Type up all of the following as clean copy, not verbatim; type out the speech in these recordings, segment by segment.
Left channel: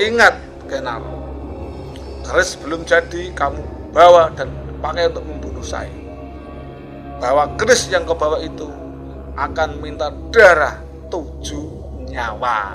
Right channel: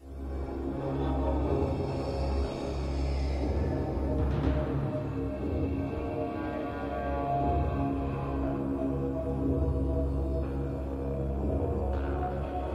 Ingat, Kenal, keris belum jadi kamu bawa dan pakai untuk membunuh saya. Bahwa keris yang kau bawa itu akan minta darah 7 nyawa.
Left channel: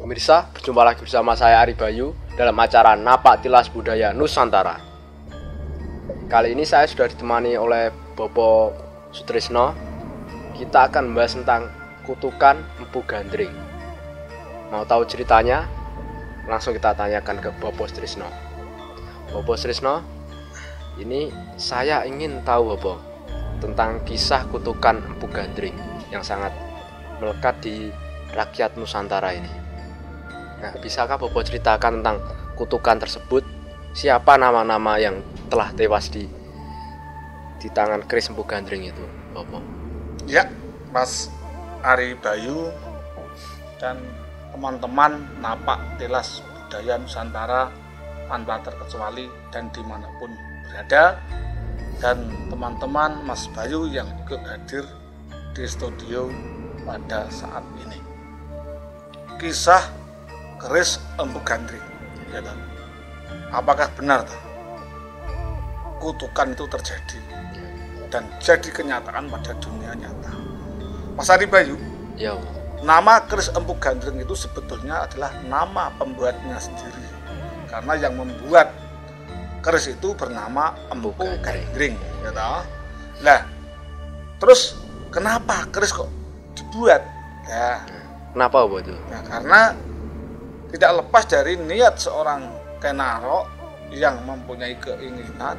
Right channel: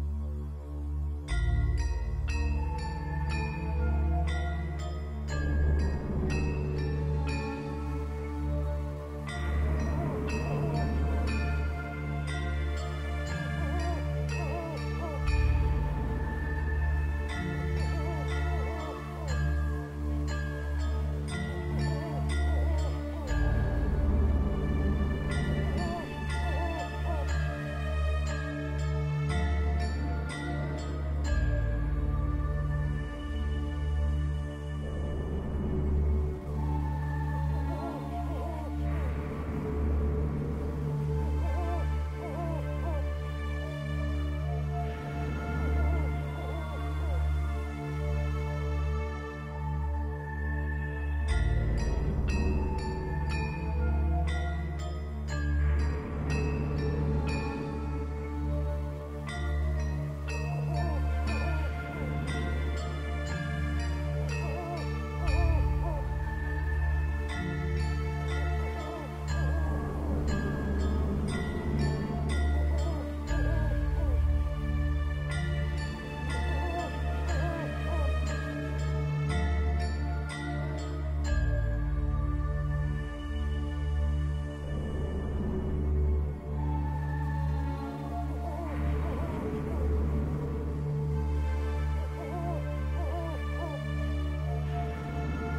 Pemirsa, berjumpa lagi bersama saya Ari Bayu dalam acara Napak Tilas Budaya Nusantara. Kali ini saya sudah ditemani oleh Bopo Sutrisno. Kita akan membahas tentang kutukan Empu Gandring. Mau tahu ceritanya? Langsung kita tanyakan ke Bopo Sutrisno. Bopo Sutrisno, ini saya ingin tahu Bopo tentang kisah kutukan Empu Gandring yang sangat melekat di rakyat Nusantara ini. Nah, bisakah Bopo ceritakan tentang kutukan tersebut? Siapa nama-nama yang telah tewas di tangan keris Empu Gandring itu, Bopo? Ya, Mas Ari Bayu dan teman-teman Napak Tilas Budaya Nusantara tanpa terkecuali dan dimanapun berada, dan teman-teman Mas Bayu yang ikut hadir di studio pada saat ini. Kisah keris Empu Gandring, ya kan? Apakah benar kutukan itu terjadi dan jadi kenyataan pada dunia nyata? Mas Ari Bayu, Ya. nama keris Empu Gandring itu sebetulnya adalah nama pembuatnya sendiri, karena yang membuat keris itu bernama Empu Gandring, ya toh? Nah, terus kenapa keris kok dibuat? Ya, Kenapa Bopo itu? ya karena tidak lepas dari niat seorang Kenaro yang mempunyai keinginan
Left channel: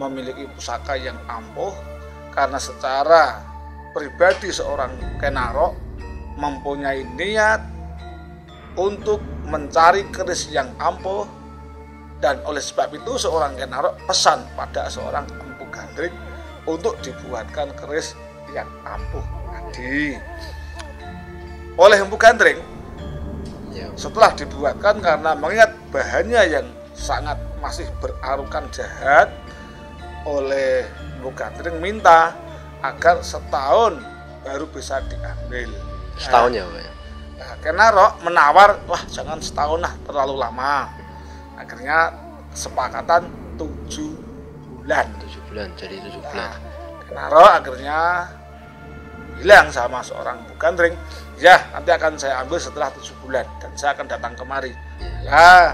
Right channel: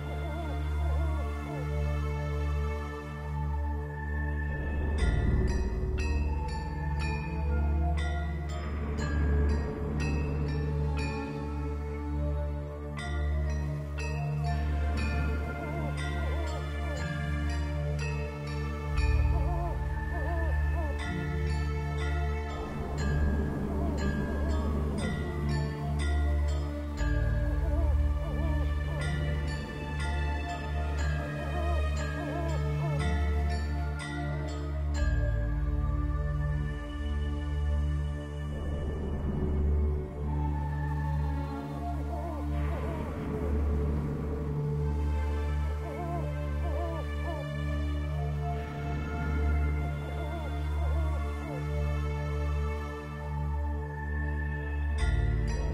memiliki pusaka yang ampuh, karena secara pribadi seorang Kenaro mempunyai niat untuk mencari keris yang ampuh, dan oleh sebab itu seorang Kenaro pesan pada seorang Empu Gandring untuk dibuatkan keris yang ampuh tadi. Oleh Empu Gandring setelah dibuatkan, karena mengingat bahannya yang sangat masih berarukan jahat, oleh Empu Gandring minta agar setahun baru bisa diambil. Setahun ya, Pak? Nah, Kenaro menawar, wah jangan setahun lah, terlalu lama. Akhirnya kesepakatan 7 bulan. 7 bulan, jadi 7 bulan. Nah, Kenaro akhirnya bilang sama seorang Empu Gandring, ya nanti akan saya ambil setelah 7 bulan dan saya akan datang kemari. Ya,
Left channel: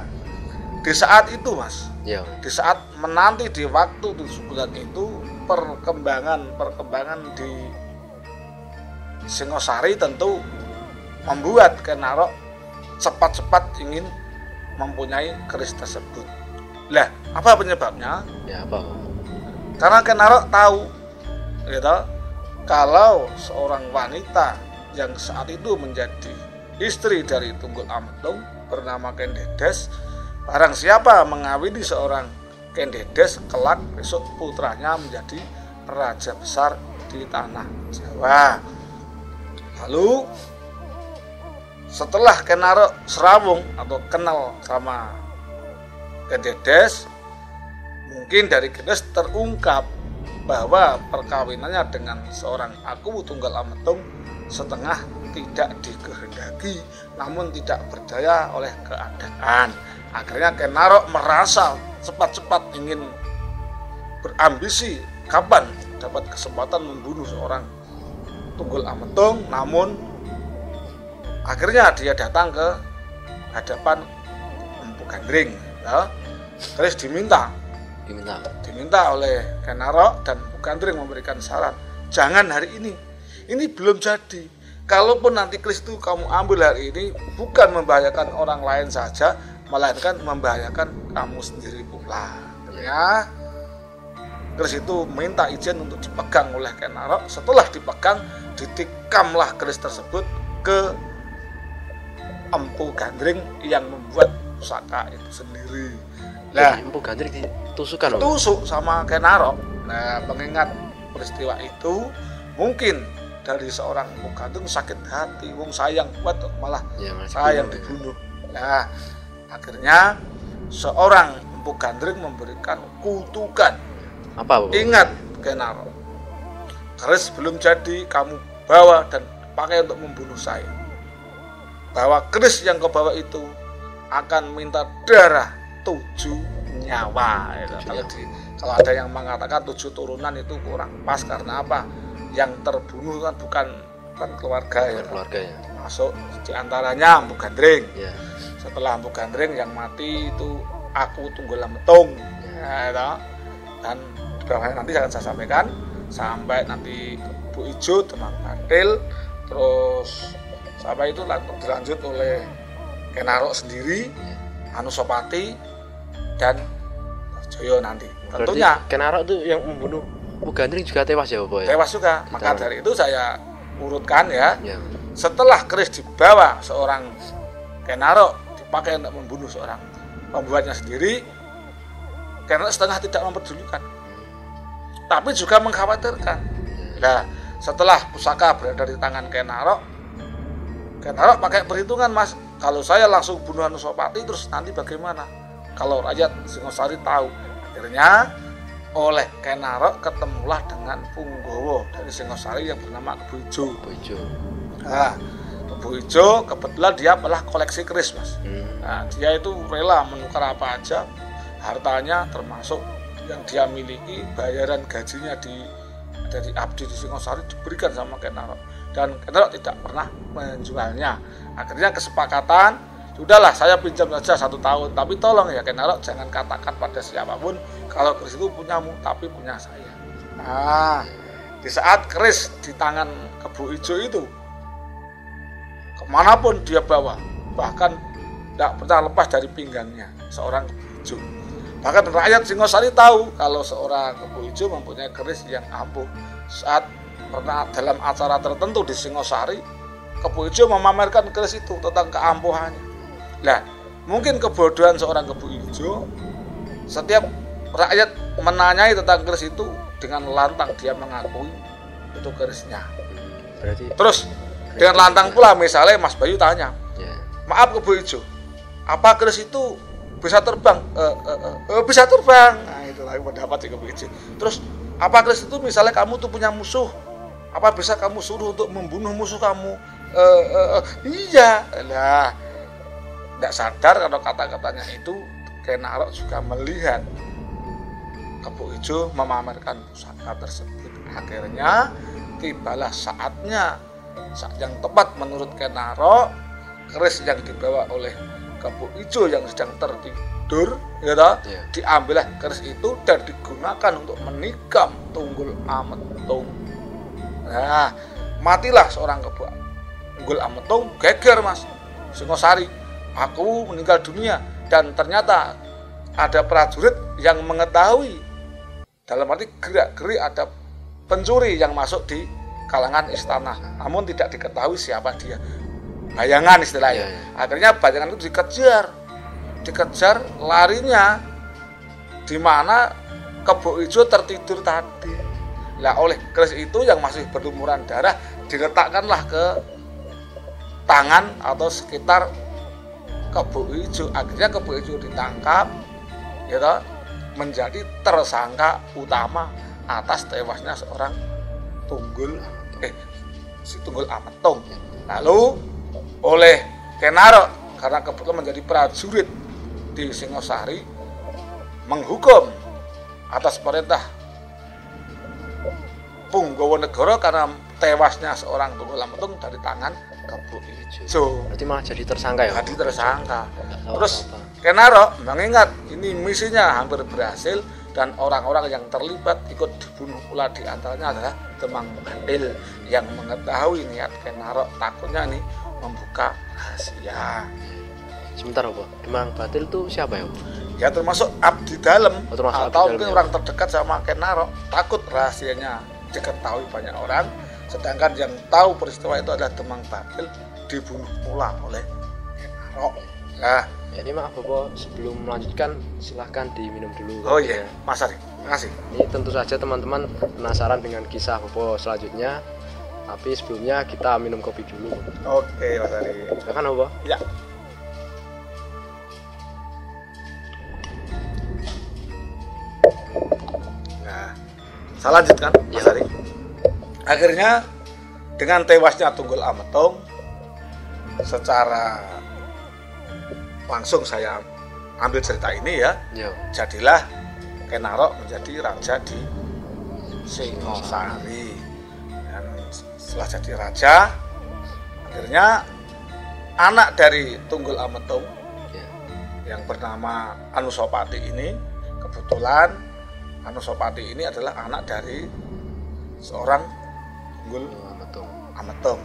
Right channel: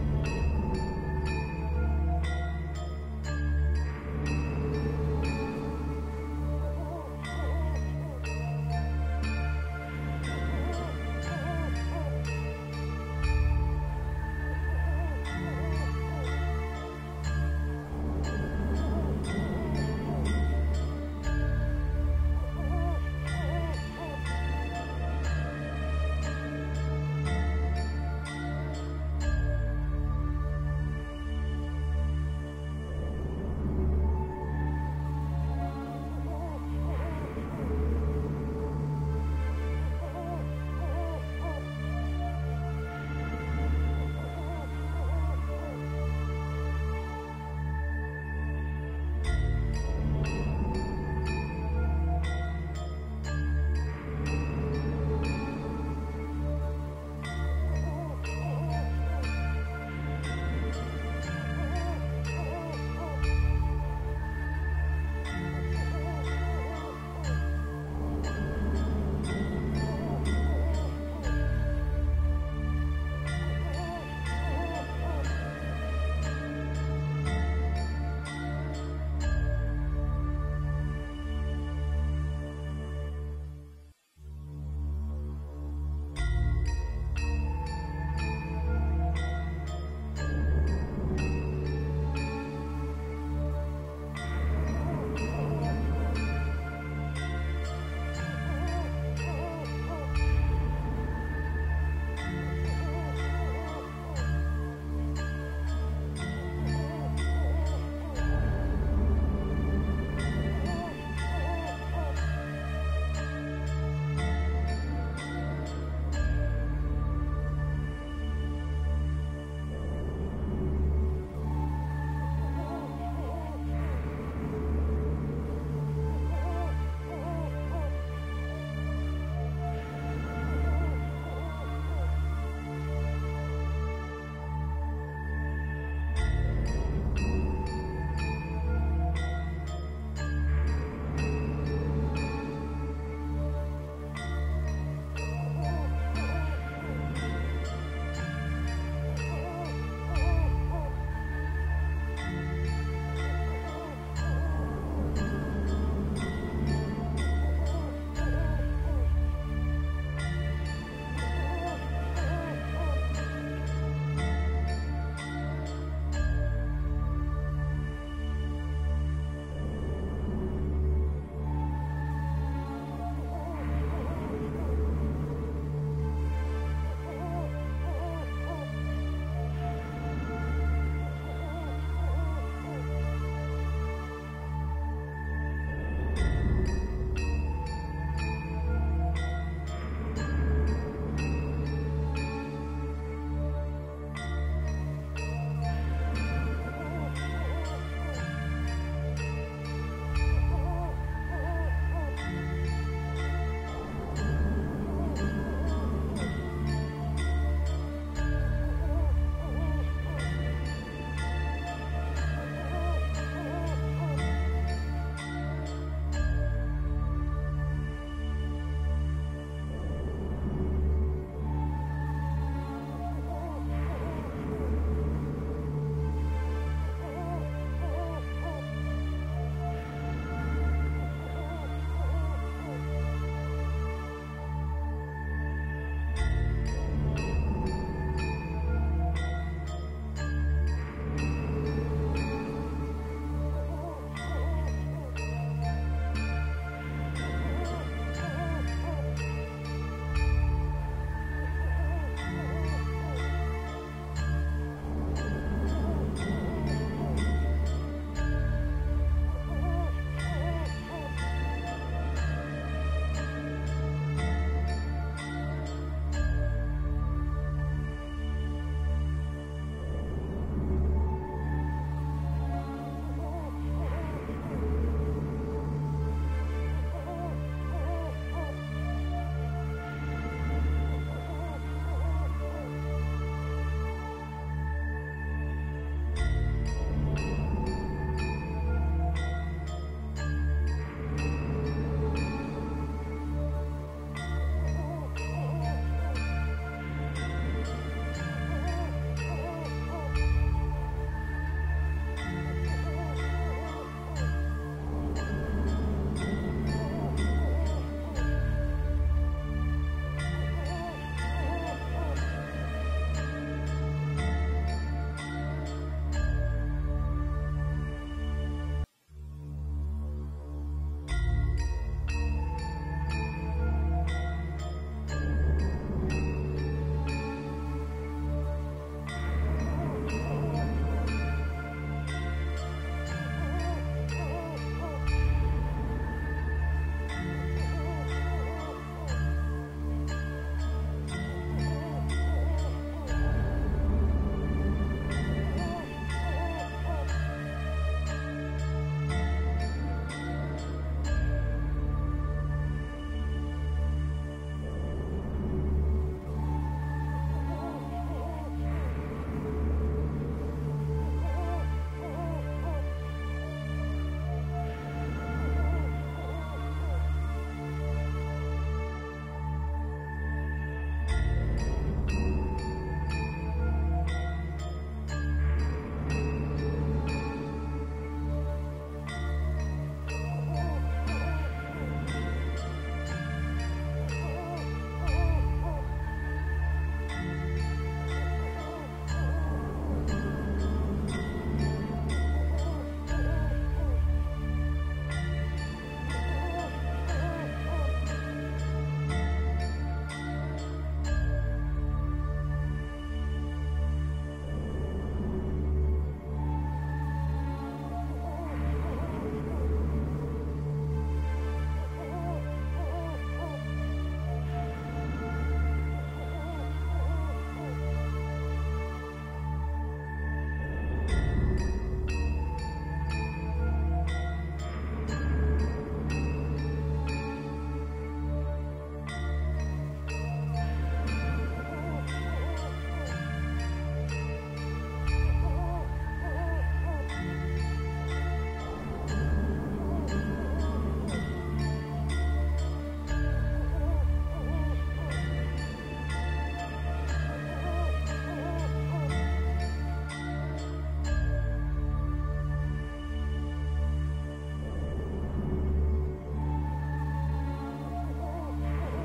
di saat itu Mas, Ya. di saat menanti di waktu 7 bulan itu, perkembangan di Singosari tentu membuat Kenaro cepat-cepat ingin mempunyai keris tersebut. Lah, apa penyebabnya? Ya, apa? Karena Kenaro tahu, gitu, kalau seorang wanita yang saat itu menjadi istri dari Tunggul Amptung bernama Ken Dedes, barang siapa mengawini seorang Ken Dedes, kelak besok putranya menjadi raja besar di tanah Jawa. Lalu setelah Kenaro serawung atau kenal sama Ken Dedes, mungkin dari Genes terungkap bahwa perkawinannya dengan seorang Aku Tunggal Ametung setengah tidak dikehendaki, namun tidak berdaya oleh keadaan. Akhirnya Ken Arok merasa cepat-cepat ingin berambisi kapan dapat kesempatan membunuh seorang Tunggul Ametung, namun akhirnya dia datang ke hadapan Empu Gandring, ya. Terus diminta oleh Ken Arok dan Empu Gandring memberikan syarat, jangan hari ini belum jadi. Kalaupun nanti keris itu kamu ambil hari ini, bukan membahayakan orang lain saja, melainkan membahayakan kamu sendiri pula, ya. Keris itu minta izin untuk dipegang oleh Ken Arok. Setelah dipegang, ditikamlah keris tersebut ke Empu Gandring yang membuat pusaka itu sendiri. Nah, Empu Gandring ditusukkan, tusuk sama Ken Arok. Nah, mengingat peristiwa itu, mungkin dari seorang Empu Gandring sakit hati, wong sayang buat malah ya, saya yang dibunuh. Nah, akhirnya seorang Empu Gandring memberikan kutukan. Apa, Bu? Ingat Ken Arok, keris belum jadi kamu bawa dan pakai untuk membunuh saya. Bahwa keris yang kau bawa itu akan minta darah 7 nyawa. Kalau ada yang mengatakan 7 turunan itu kurang pas, karena apa? Yang terbunuh kan bukan keluarga, ya. Keluarga, ya. Masuk diantaranya Empu Gandring. Ya. Setelah Empu Gandring yang mati itu Aku Tunggal Ametung. Ya, dan bawahnya nanti akan saya sampaikan sampai nanti Bu Ijo, Teman Bantil, terus sampai itu dilanjut oleh Ken Arok sendiri, Anusapati dan Joyo nanti. Tentunya Ken Arok itu yang membunuh Empu Gandring juga tewas ya, Bapak, ya? Tewas juga. Maka dari itu saya urutkan, ya. Setelah keris dibawa seorang Ken Arok dipakai untuk membunuh seorang pembuatnya sendiri, Ken Arok setengah tidak memperdulikan, tapi juga mengkhawatirkan. Nah, setelah pusaka berada di tangan Ken Arok pakai perhitungan, Mas. Kalau saya langsung bunuh Anusapati, terus nanti bagaimana kalau rakyat Singosari tahu? Akhirnya oleh Ken Arok ketemulah dengan Punggowo dari Singosari yang bernama Bu Ijo. Nah, Bu Ijo kebetulan dia adalah koleksi keris, Mas. Nah, dia itu rela menukar apa aja hartanya, termasuk yang dia miliki, bayaran gajinya dari abdi di Singosari diberikan sama Ken Arok, dan Ken Arok tidak pernah menjualnya. Akhirnya kesepakatan, sudahlah saya pinjam saja 1 tahun, tapi tolong ya Ken Arok jangan katakan pada siapapun kalau keris itu punyamu, tapi punya saya. Nah, di saat keris di tangan Kebu Ijo itu, kemanapun dia bawa, bahkan tidak pernah lepas dari pinggangnya seorang Kebu Ijo. Bahkan rakyat Singosari tahu kalau seorang Kebu Ijo mempunyai keris yang ampuh. Saat pernah dalam acara tertentu di Singosari, Kebu Ijo memamerkan keris itu tentang keampuhannya. Nah, mungkin kebodohan seorang Kebu Ijo, setiap rakyat menanyai tentang keris itu, dengan lantang dia mengakui itu kerisnya. Terus dengan lantang pula, misalnya Mas Bayu tanya, maaf Kebu Ijo, apa keris itu bisa terbang? Bisa terbang. Nah, itulah pendapat si Kebu Ijo. Terus apa keris itu misalnya kamu tuh punya musuh, apa bisa kamu suruh untuk membunuh musuh kamu? Iya. Nah, tidak sadar kalau kata-katanya itu Ken Arok juga melihat Kebu Ijo memamerkan pusaka tersebut. Akhirnya tibalah saatnya, saat yang tepat menurut Ken Arok, keris yang dibawa oleh Kebu Ijo yang sedang tertidur, diambillah keris itu dan digunakan untuk menikam Tunggul Ametung. Nah, matilah seorang Tunggul Ametung, geger, Mas. Singosari, aku meninggal dunia, dan ternyata ada prajurit yang mengetahui, dalam arti gerak-gerik ada pencuri yang masuk di kalangan istana, namun tidak diketahui siapa dia. Bayangan istilahnya. Akhirnya bayangan itu dikejar larinya di mana Kebu Ijo tertidur tadi. Lah, oleh keris itu yang masih berlumuran darah diletakkanlah ke tangan atau sekitar Kebu Ijo. Akhirnya Kebu Ijo ditangkap, menjadi tersangka utama atas tewasnya seorang si Tunggul Ametung. Lalu oleh Kenarok karena kebetulan menjadi prajurit di Singosari menghukum atas perintah Punggawanegara karena tewasnya seorang Tunggul Ametung dari tangan Kebo Ijo. Berarti malah jadi tersangka ya? Jadi tersangka. Terus Kenarok mengingat ini misinya hampir berhasil dan orang-orang yang terlibat ikut dibunuh pula, di antaranya adalah Demang Bandil yang mengetahui niat Kenarok takutnya nih membuka rahasia. Sebentar Pak, Demang Bandil itu siapa ya? Ya termasuk abdi dalam atau mungkin orang terdekat sama Kenarok, takut rahasianya diketahui banyak orang, sedangkan yang tahu peristiwa itu adalah Demang Bandil dibunuh pula oleh Kenarok. Nah, jadi maaf Bapak, sebelum melanjutkan silahkan diminum dulu. Oh iya, Mas Ari, makasih. Ini tentu saja teman-teman penasaran dengan kisah Bapak selanjutnya, tapi sebelumnya kita minum kopi dulu. Oke Mas Ari. Silakan Bapak. Ya. Nah, saya lanjutkan Mas Ari. Akhirnya dengan tewasnya Tunggul Ametung, secara langsung saya ambil cerita ini ya. Jadilah Kenarok menjadi raja di Singosari. Dan setelah jadi raja, akhirnya anak dari Tunggul Ametung yang bernama Anusapati ini, kebetulan Anusapati ini adalah anak dari seorang Tunggul Ametung.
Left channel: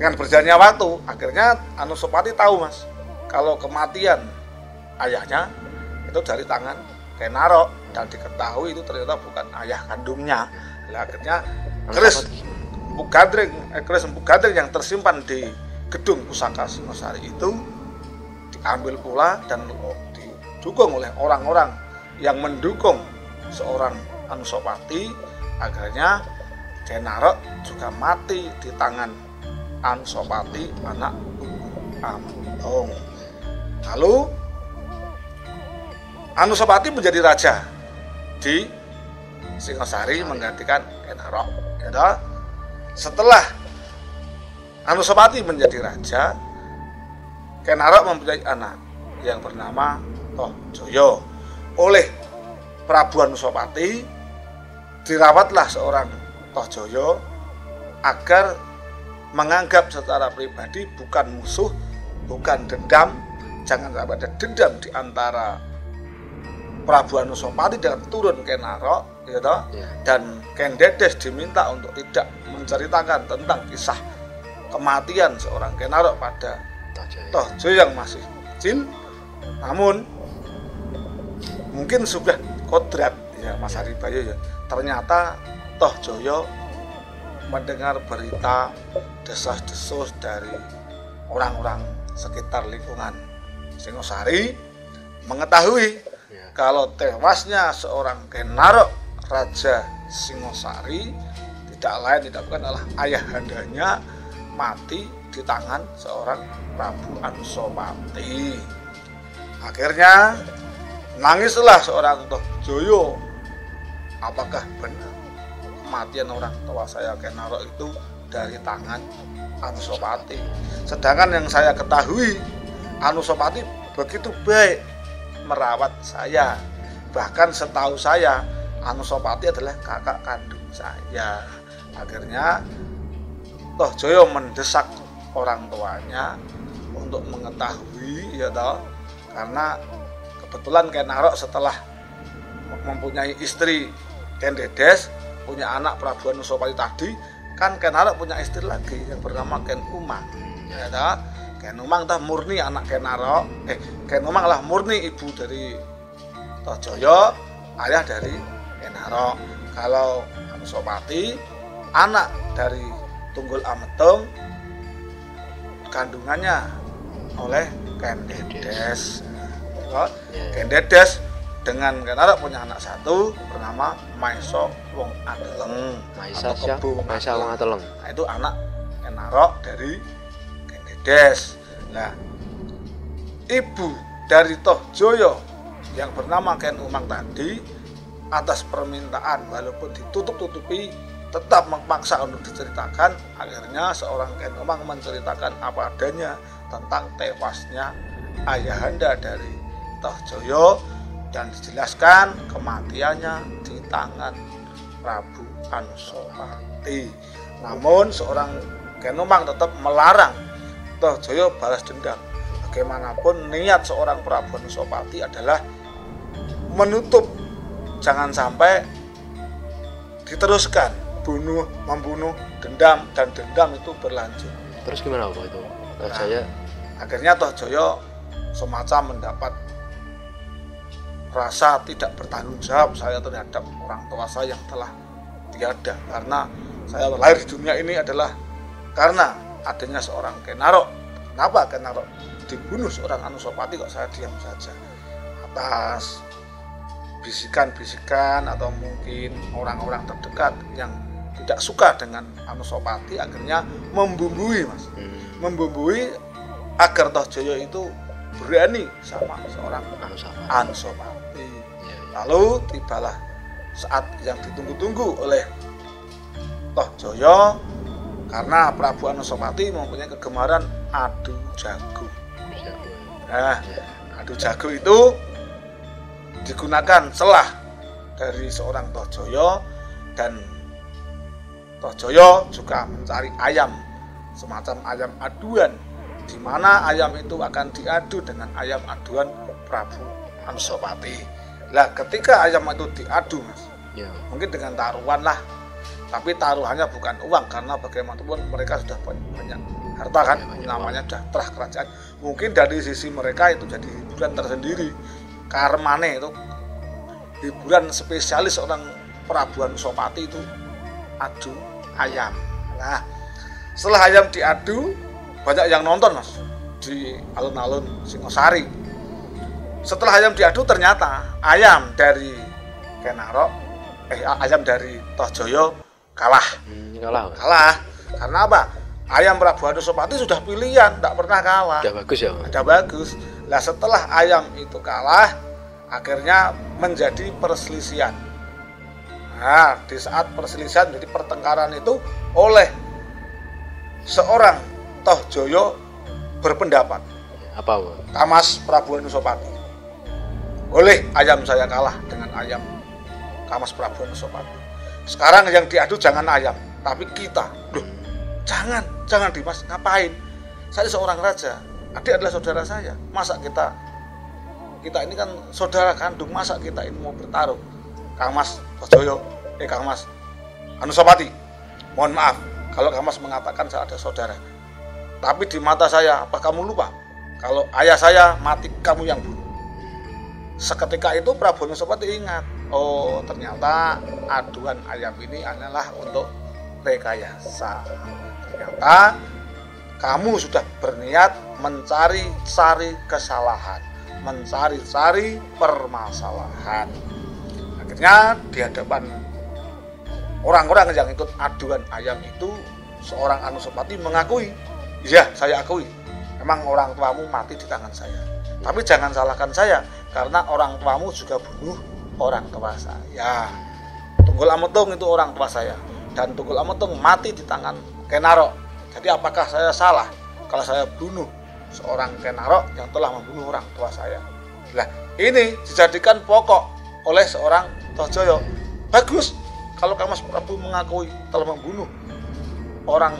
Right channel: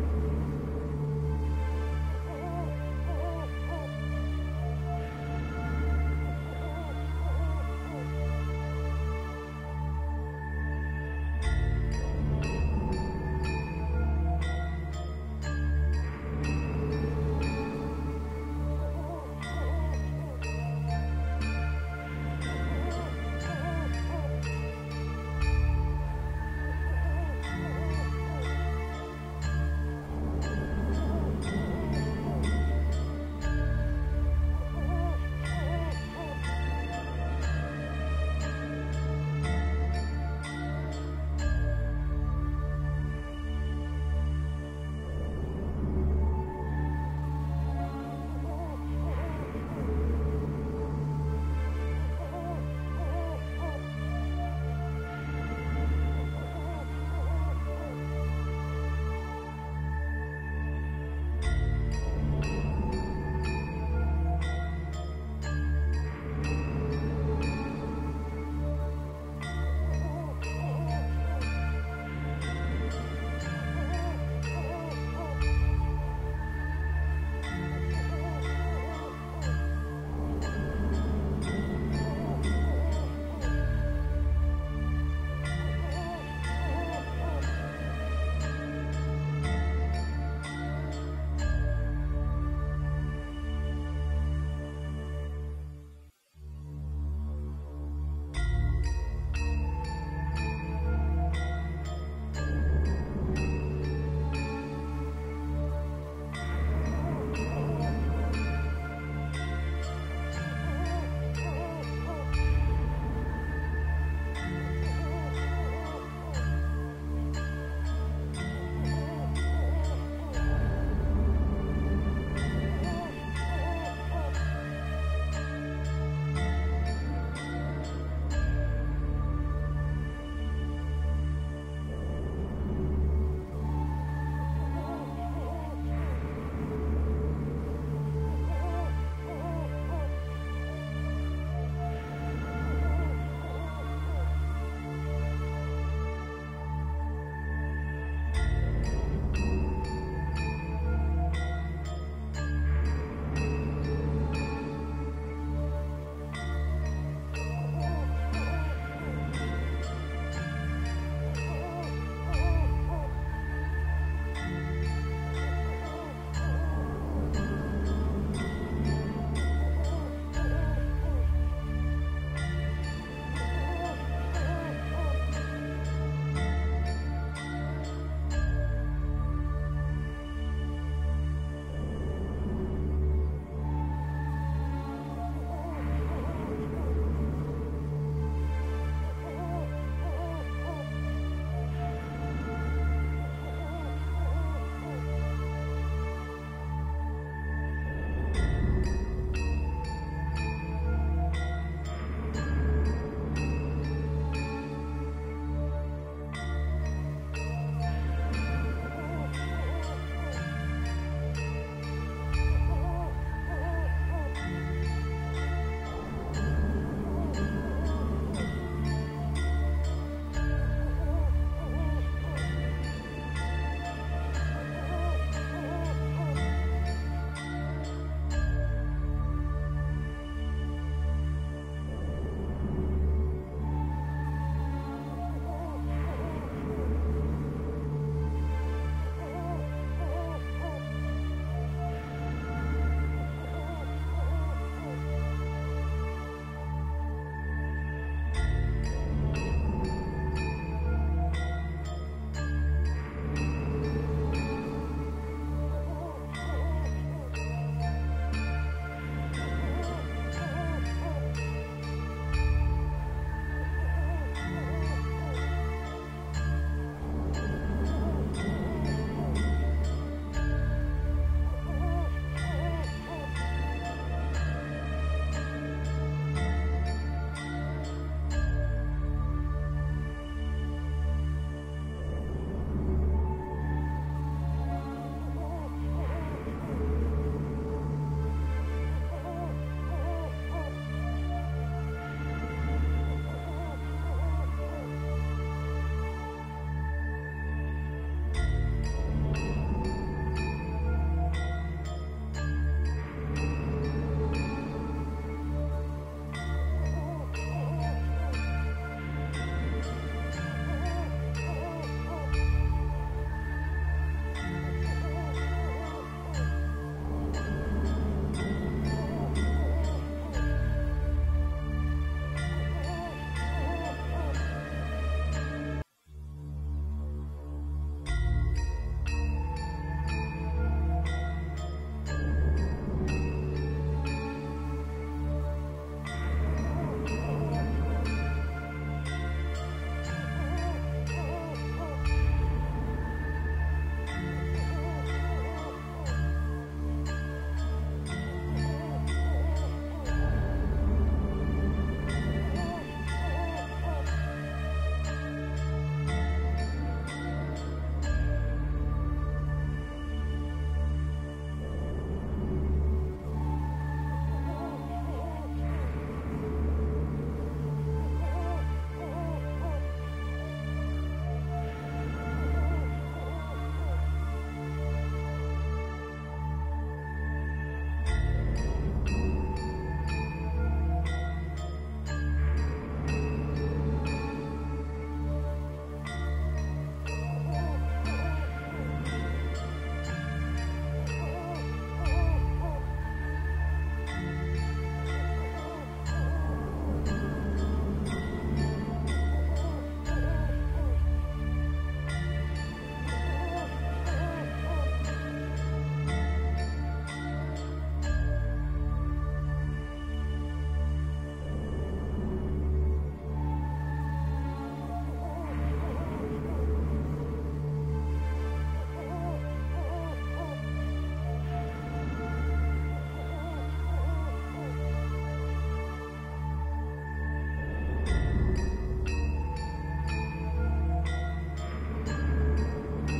Dengan berjalannya waktu, akhirnya Anusapati tahu Mas, kalau kematian ayahnya itu dari tangan Kenarok dan diketahui itu ternyata bukan ayah kandungnya. Nah, akhirnya keris Empu Gadring yang tersimpan di gedung pusaka Singosari itu diambil pula dan didukung oleh orang-orang yang mendukung seorang Anusapati. Akhirnya Kenarok juga mati di tangan Anusapati anak Ametung. Lalu Anusapati menjadi raja di Singosari menggantikan Kenarok. Setelah Anusapati menjadi raja, Kenarok mempunyai anak yang bernama Tohjoyo. Oleh Prabu Anusapati dirawatlah seorang Tohjoyo agar menganggap secara pribadi bukan musuh, bukan dendam. Jangan sampai ada dendam di antara Prabu Anusapati dan turun Kenarok, gitu. Dan Ken Dedes diminta untuk tidak menceritakan tentang kisah kematian seorang Kenarok pada Tohjoyo yang masih kecil. Namun mungkin sudah kodrat ya Mas Ari Bayu ya. Ternyata Tohjoyo mendengar berita desas-desus dari orang-orang sekitar lingkungan Singosari, mengetahui kalau tewasnya seorang Kenarok raja Singosari tidak lain tidak bukan adalah ayahandanya mati di tangan seorang Prabu Anusapati. Akhirnya nangislah seorang Tohjoyo. Apakah benar kematian orang tua saya Kenarok itu dari tangan Anusapati? Sedangkan yang saya ketahui, Anusapati begitu baik merawat saya. Bahkan setahu saya Anusapati adalah kakak kandung saya. Akhirnya Tohjoyo mendesak orang tuanya untuk mengetahui ya toh, karena kebetulan Kenarok setelah mempunyai istri Ken Dedes, punya anak Prabu Anusapati tadi, kan Kenarok punya istri lagi yang bernama Ken Umang. Ya toh, Ken Umang tah murni anak Kenarok. Ken Umang lah murni ibu dari Tohjoyo, ayah dari Kenarok. Kalau Anusapati anak dari Tunggul Ametung, kandungannya oleh Ken Dedes. Ken Dedes dengan Kenarok punya anak satu bernama Maisa Wong Ateleng. Maisa Wong Ateleng. Nah, itu anak Kenarok dari Ken Dedes. Nah, ibu dari Tohjoyo yang bernama Ken Umang tadi atas permintaan walaupun ditutup-tutupi tetap memaksa untuk diceritakan. Akhirnya seorang Kenomang menceritakan apa adanya tentang tewasnya ayahanda dari Tohjoyo dan dijelaskan kematiannya di tangan Prabu Anusapati. Namun seorang Kenomang tetap melarang Tohjoyo balas dendam. Bagaimanapun niat seorang Prabu Anusapati adalah menutup, jangan sampai diteruskan membunuh, dendam, dan dendam itu berlanjut. Terus gimana Pak itu? Saya akhirnya Tohjoyo semacam mendapat rasa tidak bertanggung jawab saya terhadap orang tua saya yang telah tiada, karena saya lahir di dunia ini adalah karena adanya seorang Kenaro. Kenapa Kenaro dibunuh seorang Anusapati kok saya diam saja? Atas bisikan-bisikan atau mungkin orang-orang terdekat yang tidak suka dengan Anusapati akhirnya membumbui agar Tohjoyo itu berani sama seorang Anusapati. Lalu tibalah saat yang ditunggu-tunggu oleh Tohjoyo, karena Prabu Anusapati mempunyai kegemaran adu jago. Nah, adu jago itu digunakan celah dari seorang Tohjoyo, dan Tohjoyo juga mencari ayam, semacam ayam aduan, di mana ayam itu akan diadu dengan ayam aduan Prabu Anusapati. Nah, ketika ayam itu diadu, mungkin dengan taruhan lah, tapi taruhannya bukan uang, karena bagaimanapun mereka sudah banyak harta kan, namanya sudah terah kerajaan. Mungkin dari sisi mereka itu jadi hiburan tersendiri, karmane itu hiburan spesialis orang Prabu Anusapati itu adu ayam. Nah, setelah ayam diadu, banyak yang nonton Mas di alun-alun Singosari. Setelah ayam diadu, ternyata ayam dari ayam dari Tohjoyo kalah. Karena apa? Ayam Prabu Anusapati sudah pilihan, tidak pernah kalah. Udah bagus ya? Udah bagus. Nah, setelah ayam itu kalah, akhirnya menjadi perselisihan. Nah, di saat perselisihan, jadi pertengkaran itu oleh seorang Tohjoyo berpendapat, apa? Kamas Prabu Anusapati, boleh ayam saya kalah dengan ayam Kamas Prabu Anusapati. Sekarang yang diadu jangan ayam, tapi kita. Loh, jangan Dimas, ngapain? Saya seorang raja, adik adalah saudara saya. Masa kita ini kan saudara kandung, masa kita ini mau bertarung? Kang Mas Tohjoyo, Kang Mas Anusapati, mohon maaf kalau Kang Mas mengatakan saya ada saudara, tapi di mata saya, apa kamu lupa kalau ayah saya mati kamu yang bunuh? Seketika itu Prabu Anusapati ingat, oh ternyata aduan ayam ini adalah untuk rekayasa. Ternyata kamu sudah berniat mencari-cari kesalahan, mencari-cari permasalahan. Akhirnya di hadapan orang-orang yang ikut aduan ayam itu, seorang Anusapati mengakui, iya saya akui, memang orang tuamu mati di tangan saya, tapi jangan salahkan saya, karena orang tuamu juga bunuh orang tua saya. Tunggul Ametung itu orang tua saya, dan Tunggul Ametung mati di tangan Kenaro. Jadi apakah saya salah kalau saya bunuh seorang Kenaro yang telah membunuh orang tua saya? Nah, ini dijadikan pokok oleh seorang Tohjoyo. Bagus kalau Kang Mas Prabu mengakui telah membunuh orang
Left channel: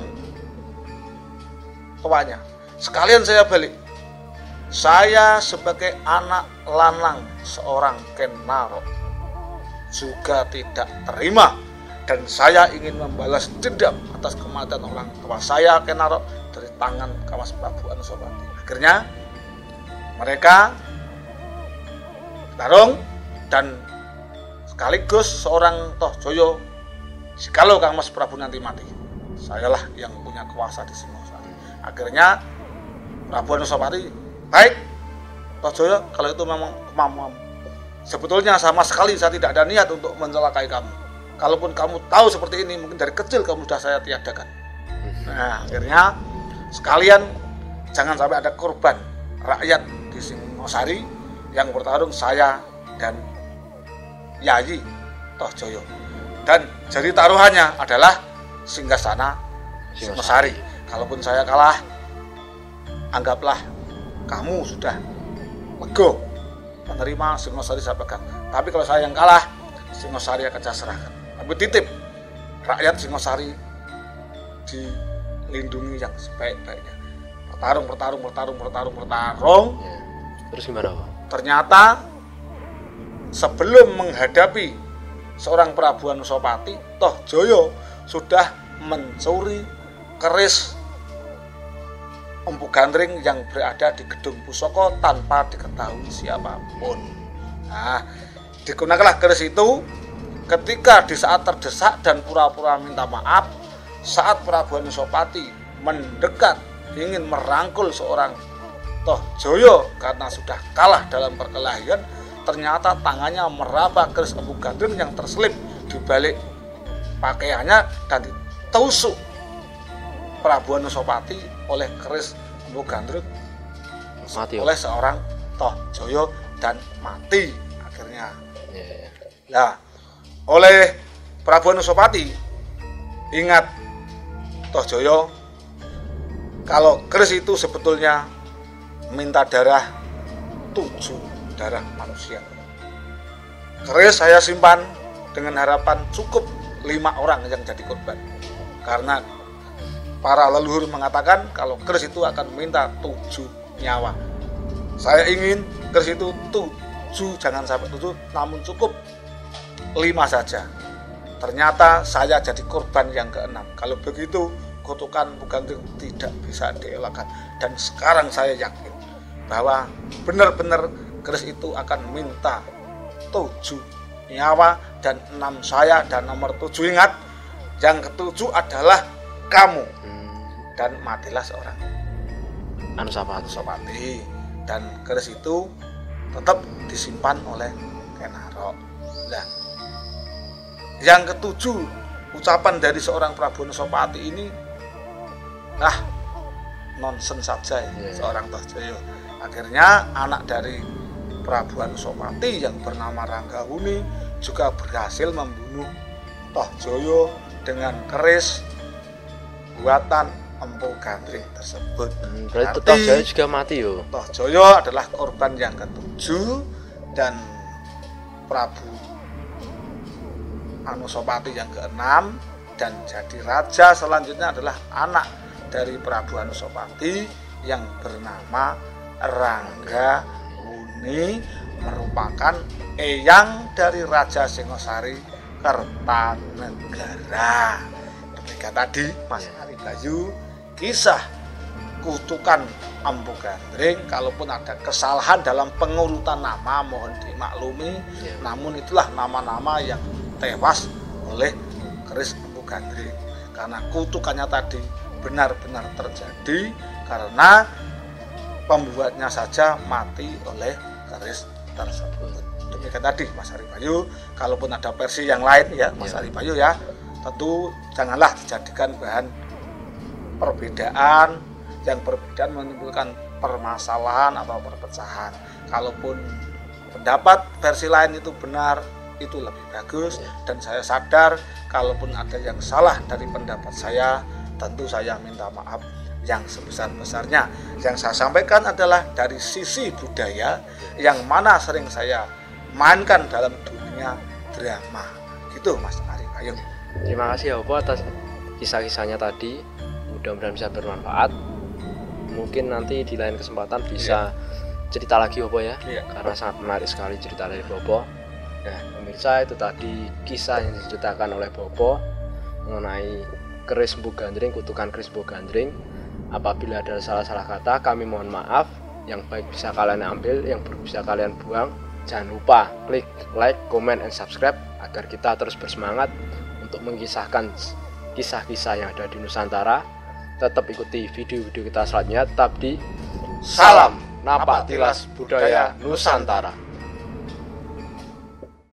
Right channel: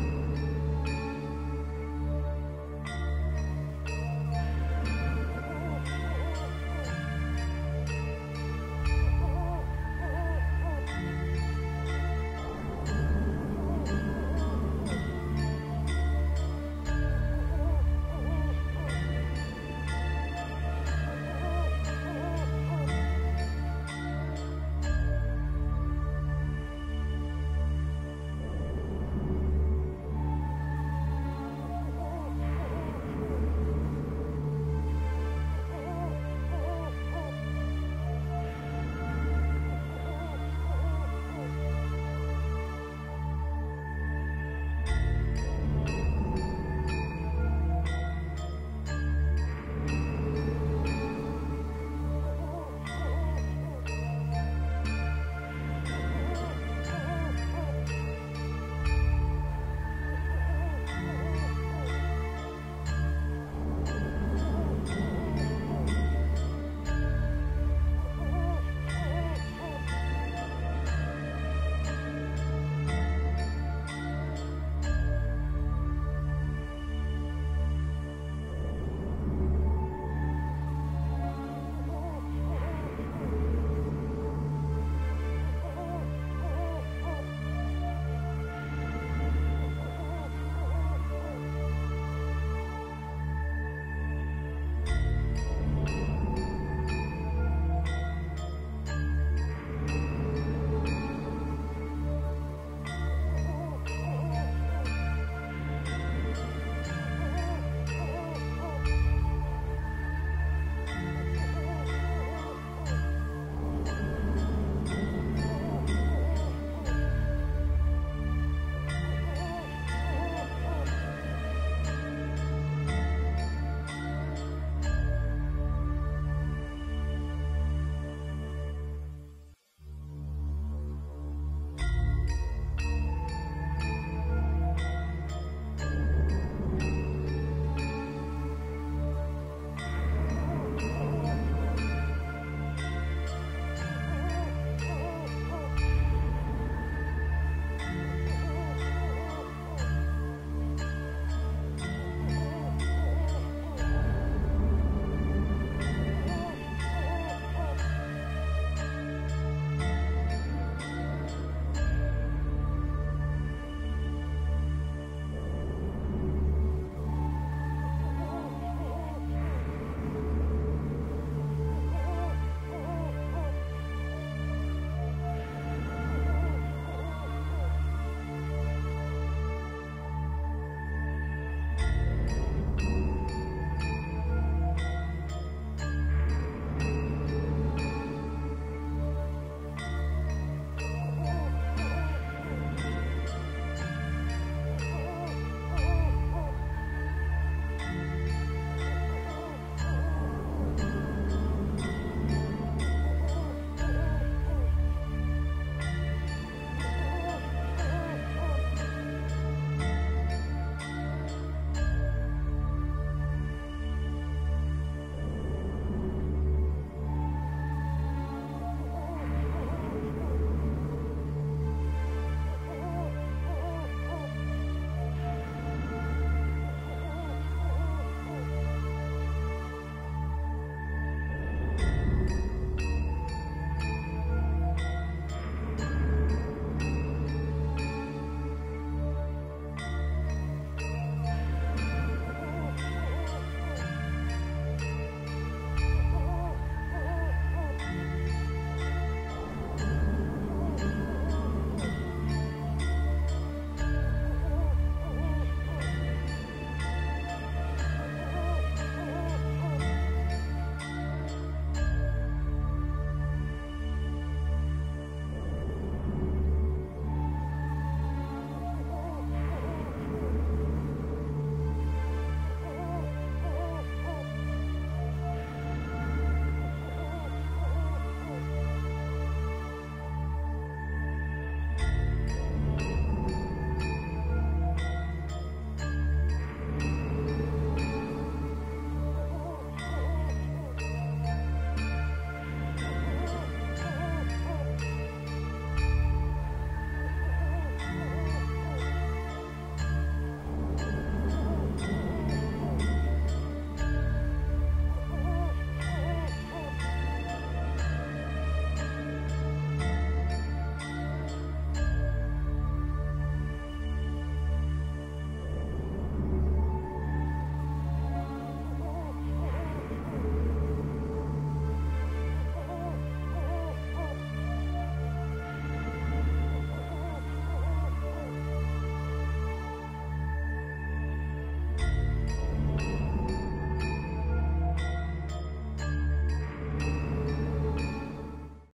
tuanya. Sekalian saya balik, saya sebagai anak lanang seorang Kenaro juga tidak terima, dan saya ingin membalas dendam atas kematian orang tua saya Kenaro dari tangan Kang Mas Prabu Anusapati. Akhirnya mereka tarung, dan sekaligus seorang Tohjoyo, kalau Kang Mas Prabu nanti mati, sayalah yang punya kuasa di sini. Akhirnya Prabu Anusapati, baik Tohjoyo, kalau itu memang kemampuan, sebetulnya sama sekali saya tidak ada niat untuk mencelakai kamu. Kalaupun kamu tahu seperti ini, mungkin dari kecil kamu sudah saya tiadakan. Nah, akhirnya sekalian jangan sampai ada korban rakyat di Singosari yang bertarung saya dan Yayi Tohjoyo. Dan jadi taruhannya adalah Singgasana Singosari. Kalaupun saya kalah, anggaplah kamu sudah lego menerima Singosari saya pegang. Tapi kalau saya yang kalah, Singosari akan saya serahkan. Tapi titip rakyat Singosari dilindungi yang sebaik-baiknya. Bertarung. Terus gimana? Ternyata sebelum menghadapi seorang Prabu Anusapati, Tohjoyo sudah mencuri keris Empu Gandring yang berada di gedung pusaka tanpa diketahui siapapun. Nah, digunakanlah keris itu ketika di saat terdesak dan pura-pura minta maaf, saat Prabu Anusapati mendekat ingin merangkul seorang Tohjoyo karena sudah kalah dalam perkelahian, ternyata tangannya meraba keris Empu Gandring yang terselip di balik pakaiannya dan ditusuk Prabu Anusapati oleh keris Empu Gandring oleh seorang Tohjoyo dan mati akhirnya. Nah, oleh Prabu Anusapati ingat Tohjoyo kalau keris itu sebetulnya minta darah 7 darah manusia. Keris saya simpan dengan harapan cukup 5 orang yang jadi korban. Karena para leluhur mengatakan kalau keris itu akan minta 7 nyawa. Saya ingin keris itu 7, jangan sampai 7, namun cukup 5 saja. Ternyata saya jadi korban yang ke-6. Kalau begitu kutukan Empu Gandring tidak bisa dielakkan. Dan sekarang saya yakin bahwa benar-benar keris itu akan minta 7 nyawa dan 6 saya, dan nomor 7 ingat, yang ke-7 adalah kamu. Dan matilah seorang Anusapati. Dan keris itu tetap disimpan oleh Kenaro. Dan yang ke-7 ucapan dari seorang Prabu Anusapati ini nonsen saja ya, seorang Tohjoyo. Akhirnya anak dari Prabu Anusapati yang bernama Ranggahuni juga berhasil membunuh Tohjoyo dengan keris buatan Empu Gandring tersebut. Berarti Tohjoyo juga mati yo. Tohjoyo adalah korban yang ke-7 dan Prabu Anusapati yang ke-6, dan jadi raja selanjutnya adalah anak dari Prabu Anusapati yang bernama Ranggahuni, merupakan eyang dari Raja Singosari Kertanegara. Demikian tadi Mas Aribayu kisah kutukan Empu Gandring. Kalaupun ada kesalahan dalam pengurutan nama mohon dimaklumi, namun itulah nama-nama yang tewas oleh keris Empu Gandring karena kutukannya tadi benar-benar terjadi karena pembuatnya saja mati oleh keris tersebut. Demikian tadi Mas Aribayu. Kalaupun ada versi yang lain ya Mas Aribayu ya, tentu janganlah dijadikan bahan perbedaan yang menimbulkan permasalahan atau perpecahan. Kalaupun pendapat versi lain itu benar, itu lebih bagus, dan saya sadar kalaupun ada yang salah dari pendapat saya, tentu saya minta maaf yang sebesar-besarnya. Yang saya sampaikan adalah dari sisi budaya yang mana sering saya mainkan dalam dunia drama. Gitu Mas Aribayu. Terima kasih ya Opo atas kisah-kisahnya tadi. Mudah-mudahan bisa bermanfaat. Mungkin nanti di lain kesempatan bisa cerita lagi Opo ya. Karena sangat menarik sekali cerita dari Bopo. Nah, pemirsa, itu tadi kisah yang diceritakan oleh Bopo mengenai keris Empu Gandring, kutukan keris Empu Gandring. Apabila ada salah-salah kata, kami mohon maaf. Yang baik bisa kalian ambil, yang buruk bisa kalian buang. Jangan lupa klik like, comment, and subscribe agar kita terus bersemangat untuk mengisahkan kisah-kisah yang ada di Nusantara. Tetap ikuti video-video kita selanjutnya. Tetap di Salam Napak Tilas Budaya Nusantara.